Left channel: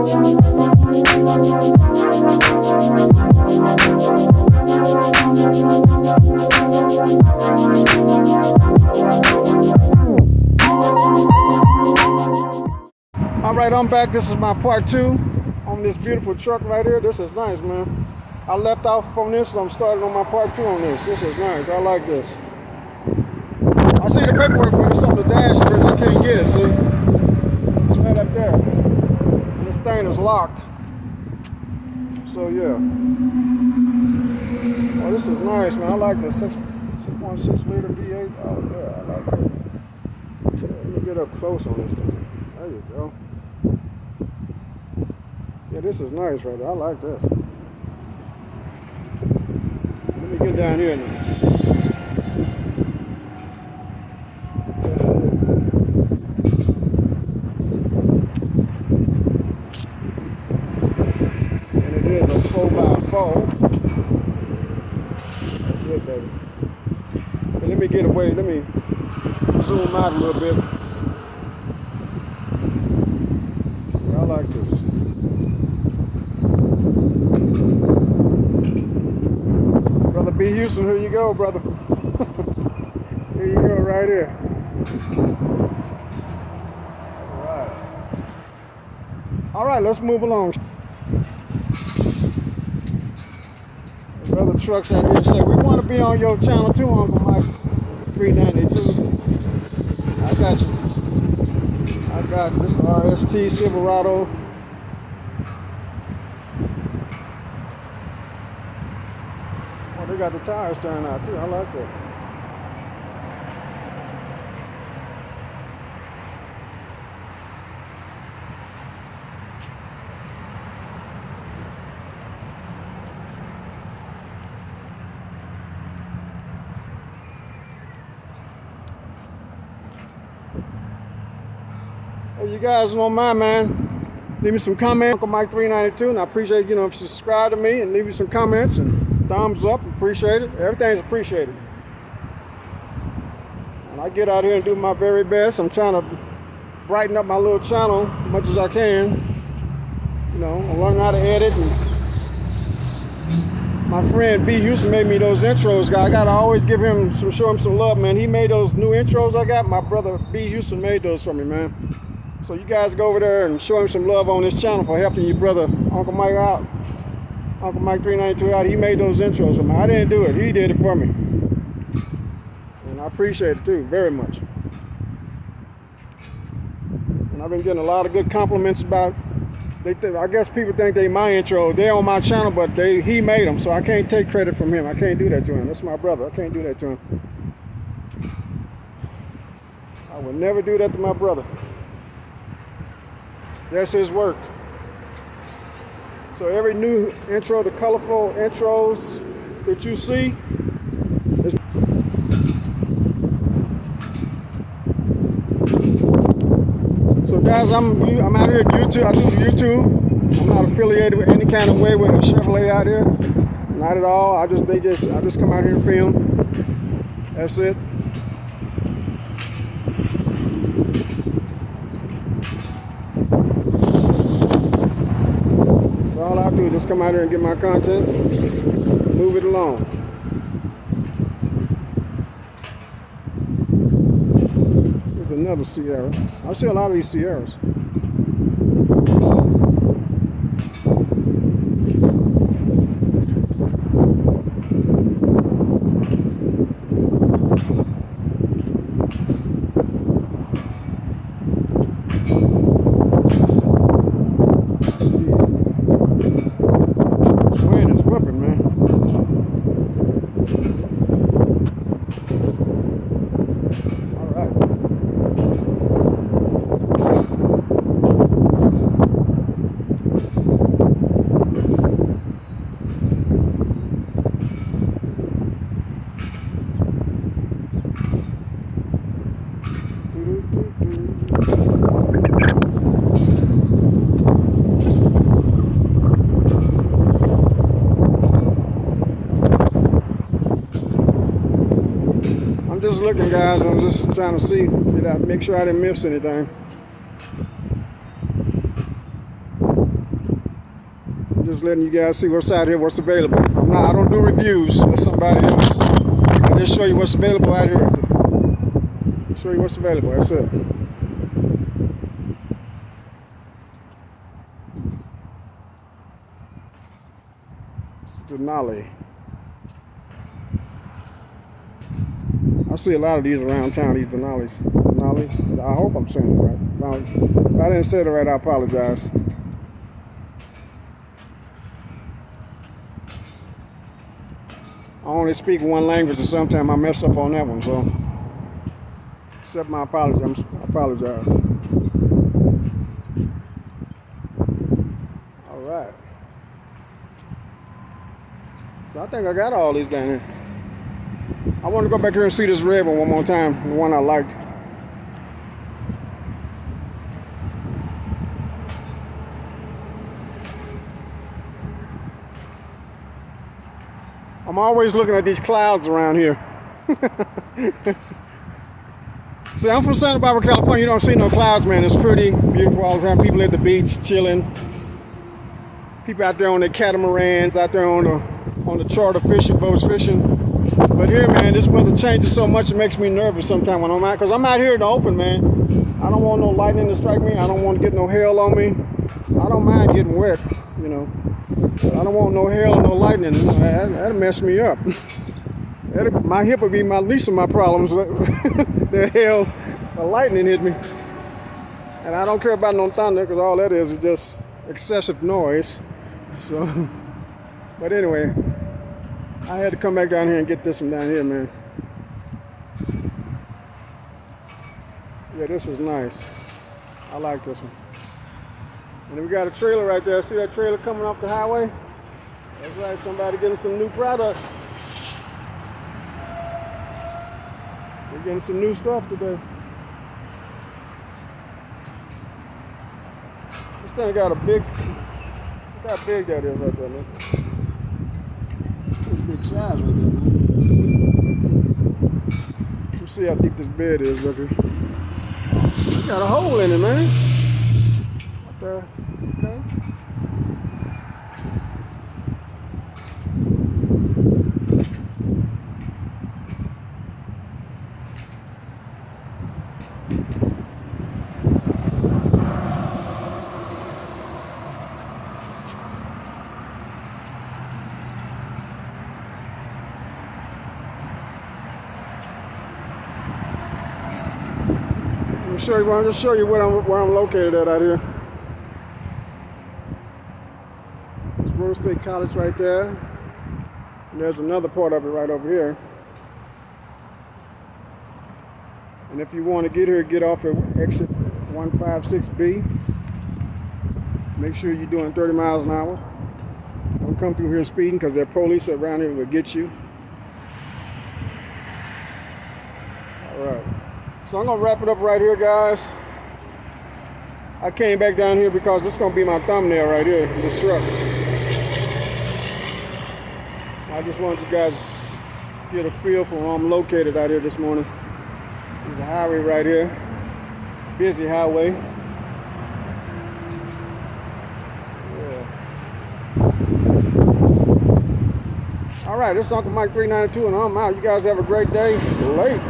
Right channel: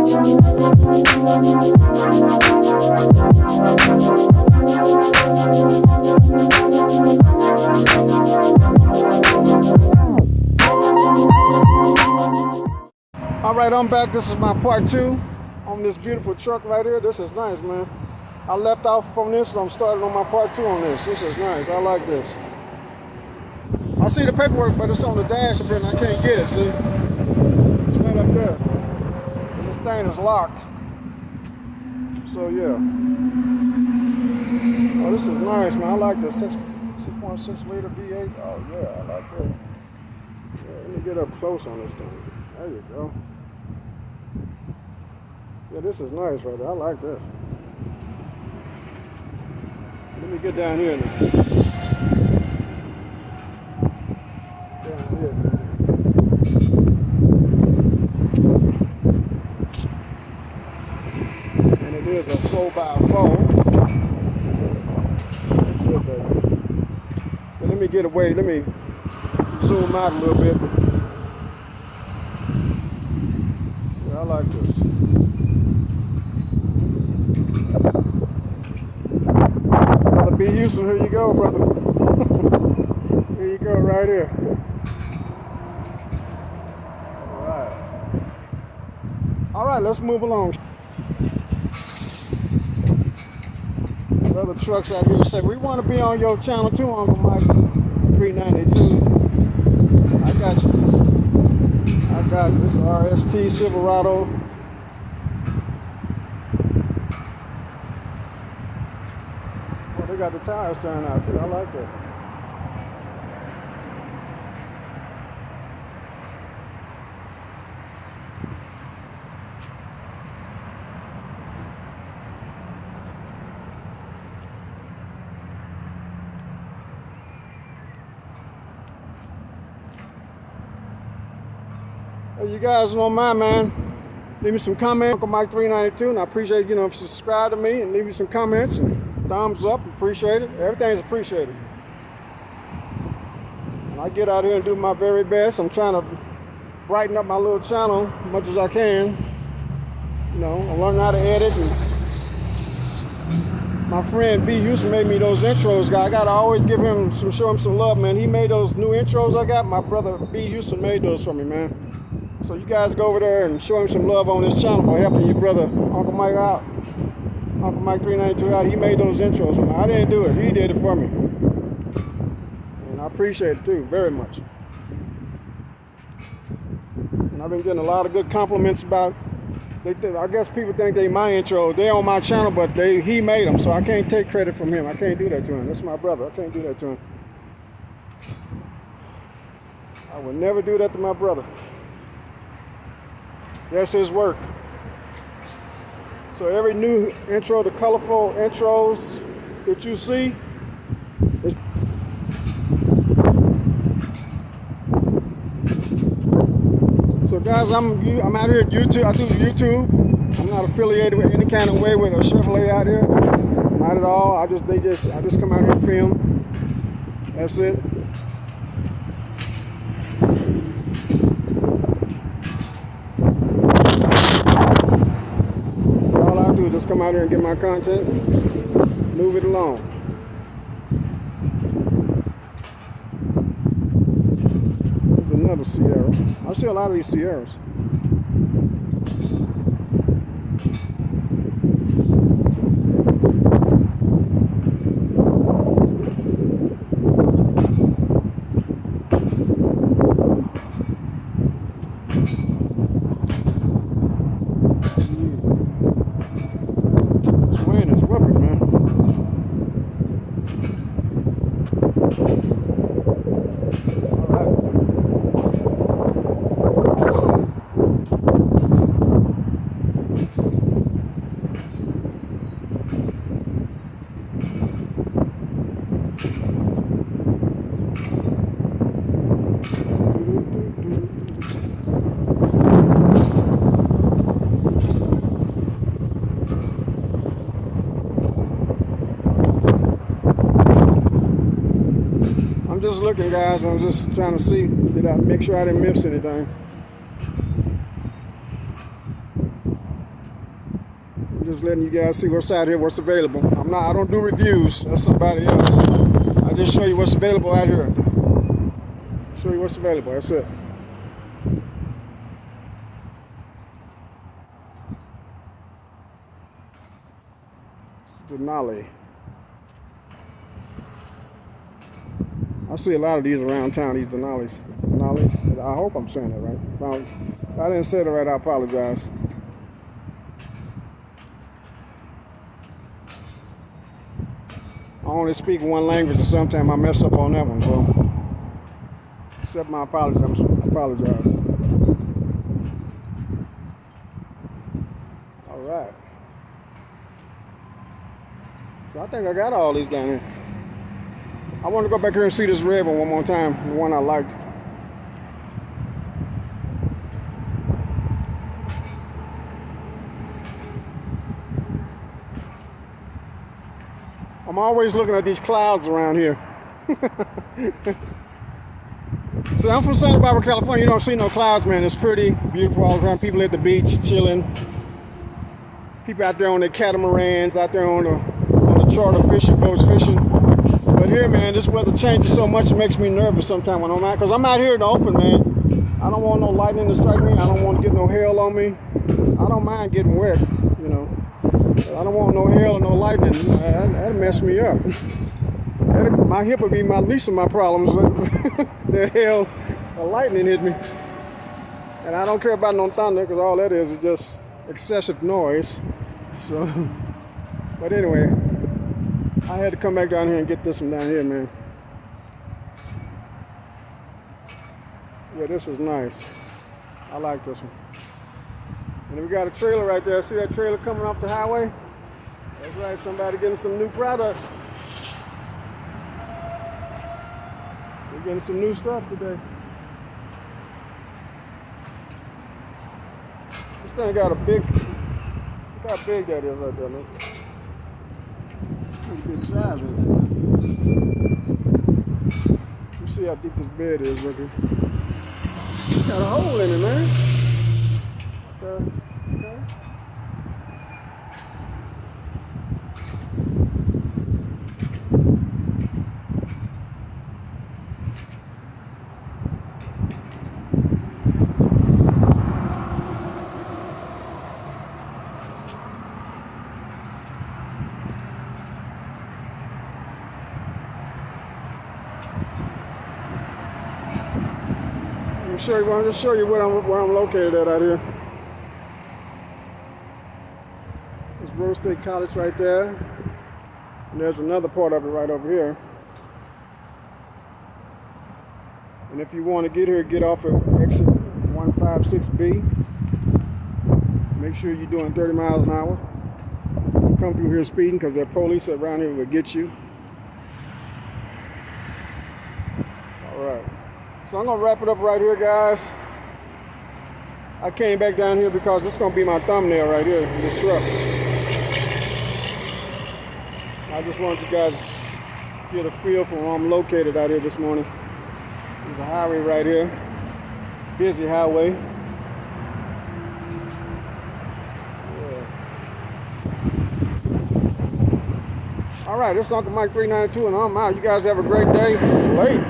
All right, I'm back. This is my part 2 on this beautiful truck right here. This is nice, man. I left off on this, and I'm starting on my part 2 on this. This is nice. I like this. I see the paperwork, but it's on the dashboard, and I can't get it, see? It's right up there. And this thing is locked. So, yeah. Oh, this is nice, man. I like the 6.6 liter V8. Oh, yeah, I like that. Yeah, let me get up close on this thing. There you go. Yeah, this is nice right there. I like this. Let me get down here now. Down here. And it is a 4x4. That's it, baby. But let me get away. Let me zoom out a little bit. Yeah, I like this. Brother B. Houston, here you go, brother. Here you go, right here. All right, let's move along. Brother Trucks out here say, we want to be on your channel too, Uncle Mike 392. I got you. I got you. This is RST Silverado. Well, they got the tires turned out too. I like that. Hey, you guys don't mind, man, leave me some comments. Uncle Mike 392, and I appreciate, if you subscribe to me and leave me some comments and thumbs up. Appreciate it. Everything's appreciated. And I get out here and do my very best. I'm trying to brighten up my little channel as much as I can. I'm learning how to edit. And my friend B. Houston made me those intros, guy. I gotta always show him some love, man. He made those new intros I got. My brother B. Houston made those for me, man. So you guys go over there and show him some love on this channel for helping your brother Uncle Mike out. Uncle Mike 392 out. He made those intros for me. I didn't do it. He did it for me. And I appreciate it too, very much. And I've been getting a lot of good compliments about, I guess people think they my intro. They're on my channel, but he made them, so I can't take credit from him. I can't do that to him. That's my brother. I can't do that to him. I would never do that to my brother. That's his work. So every new intro, the colorful intros that you see, so guys, I'm out here at YouTube. I do YouTube. I'm not affiliated with any kind of way with a Chevrolet out here. Not at all. I just come out here and film. That's it. All I do is just come out here and get my content, move it along. There's another Sierra. I see a lot of these Sierras. Whipping, man. All right. I'm just looking, guys. I'm just trying to see, make sure I didn't miss anything. just letting you guys see what's out here, what's available. I don't do reviews. That's somebody else. I just show you what's available out here. Show you what's available. That's it. It's Denali. I see a lot of these around town, these Denalis. Denali. I hope I'm saying it right. Now, if I didn't say it right, I apologize. I only speak one language, and sometimes I mess up on that one, so accept my apology. I apologize. All right. So I think I got all these down here. I want to go back here and see this red one more time, the one I liked. I'm always looking at these clouds around here. See, I'm from Santa Barbara, California. You don't see no clouds, man. It's pretty beautiful all around. People at the beach chilling. People out there on their catamarans, out there on the charter fishing boats fishing. But here, man, this weather changes so much it makes me nervous sometimes when I'm out, because I'm out here in the open, man. I don't want no lightning to strike me. I don't want to get no hail on me. I don't mind getting wet, you know. But I don't want no hail or no lightning. That'll mess me up. My hip would be my least of my problems. The hail or lightning hit me. And I don't care about no thunder, because all that is just excessive noise. So, but anyway, I had to come back down here and get this one down here, man. Yeah, this is nice. I like this one. And then we got a trailer right there. See that trailer coming off the highway? That's right, somebody getting some new product. We're getting some new stuff today. This thing got a big, look how big that is right there, man. Pretty big size right there, man. Let's see how deep this bed is, look here. Got a hole in it, man. Right there. Okay. I'm just show you where I'm located at out here. There's Rose State College right there, and there's another part of it right over here. And if you want to get here, get off at exit 156B. Make sure you're doing 30 miles an hour. Don't come through here speeding, because there are police around here will get you. All right. So I'm gonna wrap it up right here, guys. I came back down here because this is gonna be my thumbnail right here, this truck. I just wanted you guys to get a feel for where I'm located out here this morning. There's a highway right here, busy highway. Yeah. All right, this is Uncle Mike 392, and I'm out. You guys have a great day. Late.